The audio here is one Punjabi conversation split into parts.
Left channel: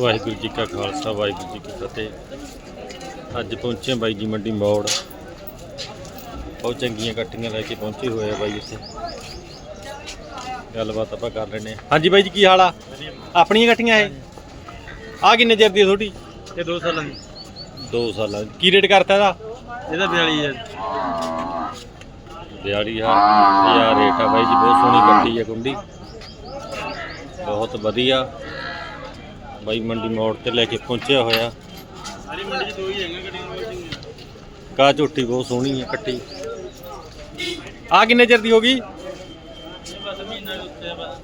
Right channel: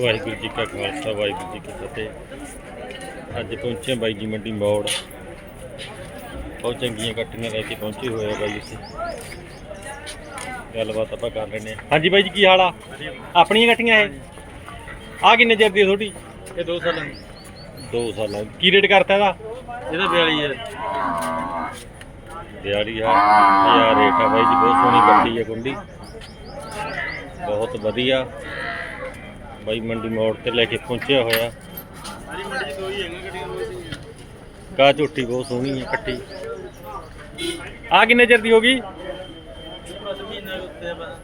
ਵਾਹਿਗੁਰੂ ਜੀ ਕਾ ਖਾਲਸਾ ਵਾਹਿਗੁਰੂ ਜੀ ਕੀ ਫਤਿਹ। ਅੱਜ ਪਹੁੰਚੇ ਬਾਈ ਜੀ ਮੰਡੀ ਮੋੜ। ਬਹੁਤ ਚੰਗੀਆਂ ਕੱਟੀਆਂ ਲੈ ਕੇ ਪਹੁੰਚੇ ਹੋਏ ਆ ਬਾਈ ਇੱਥੇ। ਗੱਲਬਾਤ ਆਪਾਂ ਕਰ ਲੈਨੇ ਆ ਹਾਂਜੀ ਬਾਈ ਜੀ ਕੀ ਹਾਲ ਆ? ਆਪਣੀਆਂ ਕੱਟੀਆਂ ਇਹ? ਆ ਕਿੰਨੇ ਚਿਰ ਦੀ ਤੁਹਾਡੀ? ਇਹ 2 ਸਾਲਾਂ ਦੀ। 2 ਸਾਲਾਂ ਦੀ। ਕੀ ਰੇਟ ਕਰਤਾ ਇਹਦਾ? ਇਹਦਾ 42 ਹੈ 42000 ਰੇਟ ਆ ਬਾਈ ਜੀ ਬਹੁਤ ਸੋਹਣੀ ਕੱਟੀ ਹੈ ਕੁੰਡੀ। ਬਹੁਤ ਵਧੀਆ। ਬਾਈ ਮੰਡੀ ਮੋੜ ਤੇ ਲੈ ਕੇ ਪਹੁੰਚਿਆ ਹੋਇਆ। ਸਾਰੀ ਮੰਡੀ ਚ ਦੋ ਹੀ ਹੈਗਾ ਗੱਡੀਆਂ ਬਹੁਤ ਚੰਗੀਆਂ ਕਾ ਝੋਟੀ ਬਹੁਤ ਸੋਹਣੀ ਹੈ ਕੱਟੀ। ਆ ਕਿੰਨੇ ਚਿਰ ਦੀ ਹੋ ਗਈ? ਇਹ ਬਸ ਮਹੀਨਾ ਉੱਤੇ ਬਸ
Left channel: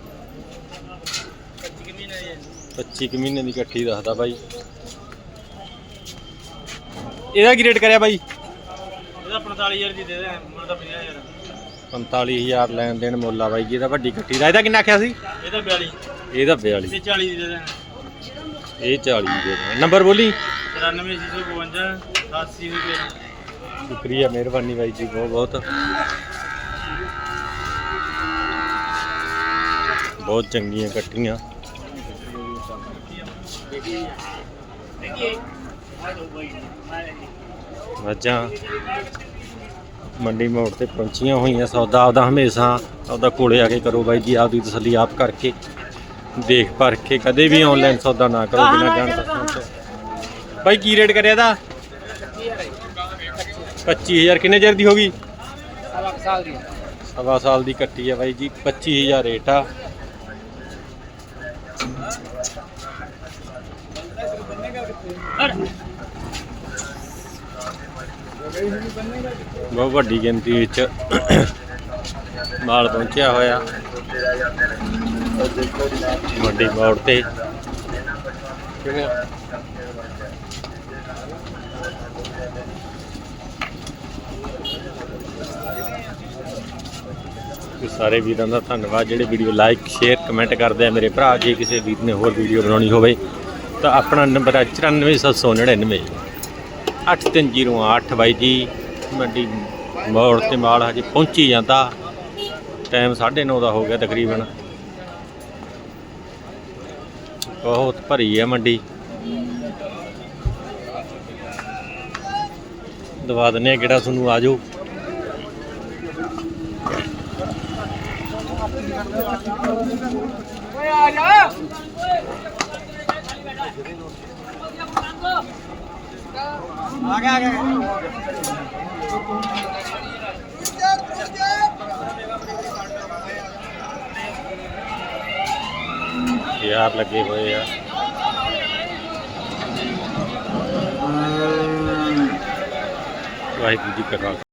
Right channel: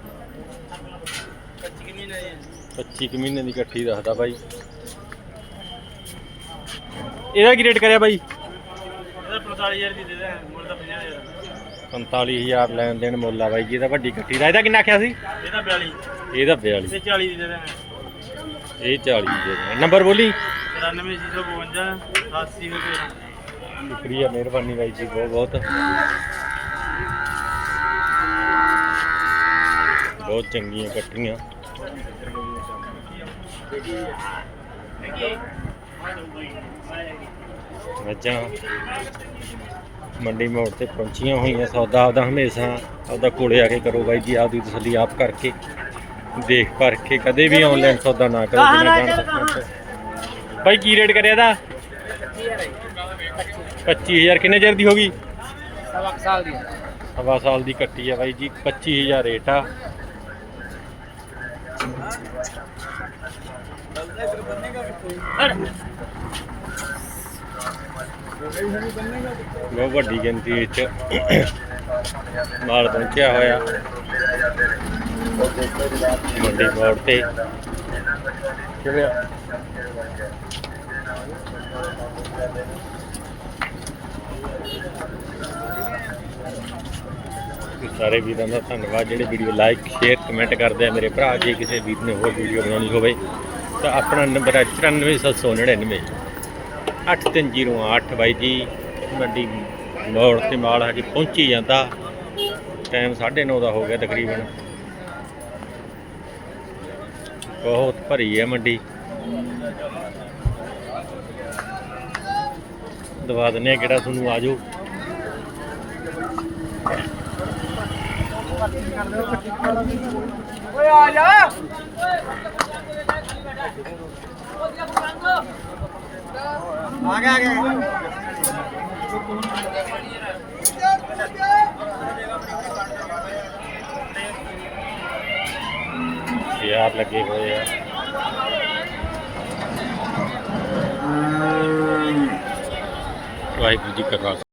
25 ਕੁ ਮਹੀਨਾ 25 ਮਹੀਨੇ ਦੀ ਕੱਟੀ ਦੱਸਦਾ ਬਾਈ। ਇਹਦਾ ਕੀ ਰੇਟ ਕਰਿਆ ਬਾਈ? ਇਹਦਾ 45000 ਦੀ ਦੇ ਦੇ ਮੁੱਲ ਤਾਂ 50000 45000 ਲੈਣ ਦੇਣ ਮੁੱਲ ਆ ਬਾਈ ਜੀ ਇਹਦਾ ਵੱਡੀ ਕੱਟੀ ਦਾ। ਇਹਦਾ ਕਿੰਨਾ ਆਖਿਆ ਸੀ? ਇਹਦਾ 42 ਇਹਦਾ 42 ਇਹ 40 ਦੀ ਦੇ ਦੇ ਇਹ 40 ਦੇ ਦੇਣਾ। ਨੰਬਰ ਬੋਲੀ। 94652 8013 ਸ਼ੁਕਰੀਆ ਮਿਹਰਬਾਨੀ ਬਾਈ ਜੀ ਬਹੁਤ ਬਹੁਤ। ਬਹੁਤ ਚੰਗੀਆਂ ਕੱਟੀਆਂ ਮੱਝਾਂ। ਮੰਡੀ ਮੋੜ ਤੇ ਪਹੁੰਚੀਆਂ ਹੋਈਆਂ ਸੌਦਾ ਆਪਦਾ ਹਮੇਸ਼ਾ ਆਪਦਾ ਕੋਲੇ ਆ ਕੇ ਕਰੋ ਬਾਈ ਜੀ ਆਪਦੀ ਤਸੱਲੀ ਆਪ ਕਰਕੇ ਦੇਖ ਪਰਖ ਕੇ ਕਦੇ ਵੀ ਆਨਲਾਈਨ ਸੌਦਾ ਨਾ ਕਰੋ ਬਿਨਾਂ ਜਾਣ ਪਛਾਣ ਤੋਂ। ਬਾਈ ਕੀ ਰੇਟ ਕਰਿਆ ਇਹਦਾ? 25000 ਕਿੰਨੇ ਚਿਰ ਦੀ ਹੋ ਗਈ? ਸਵਾ ਸਾਲ ਦੀ ਸਵਾ ਸਾਲ ਦੀ ਕੱਟੀ ਆ ਬਾਈ ਜੀ 25000 ਰੇਟ ਆ। ਬਹੁਤ ਵੱਡੀ ਗਿਣਤੀ ਵਿੱਚ ਮਾਲ ਪਹੁੰਚਿਆ ਹੋਇਆ। ਮੰਡੀ ਮੋੜ ਤੇ। ਕਿਵੇਂ? ਸਾਰੇ ਵੀਰਾਂ ਦਾ ਧੰਨਵਾਦ। ਜਿਹੜੇ ਵੀਡੀਓ ਲਾਈਕ, ਸ਼ੇਅਰ, ਕਮੈਂਟ ਕਰਦੇ ਆ ਮੇਰੇ ਭਰਾ, ਜੇ ਕਿਸੇ ਵੀਰ ਨੇ ਹੋਰ ਵੀਡੀਓ ਬਣਾਉਣੀ ਹੋਵੇ ਤਾਂ ਆਪਣਾ ਨੰਬਰ ਹੈ 94799 8308 ਬਾਈ ਜੀ ਮੰਡੀ ਮੋੜ ਤੇ ਮਾਲ ਆ ਕੇ ਪਹੁੰਚੀ ਜਾਂਦਾ ਟਾਈਮ 9:30 ਦਾ ਹੋ ਗਿਆ ਤਕਰੀਬਨ ਬਹੁਤ ਭਰੀ ਹੈ ਮੰਡੀ ਦਵਾ ਦਿੰਨੇ ਕਿਹੜਾ ਤੁਹਾਨੂੰ ਆਜੋ ਓਏ ਆ ਜਾ ਆ ਗਿਆ ਆ ਗਿਆ ਤਿਆਰ ਲੱਗੇ ਹੋਏ ਆ ਵਾਹਿਗੁਰੂ ਜੀ ਕਾ ਖਾਲਸਾ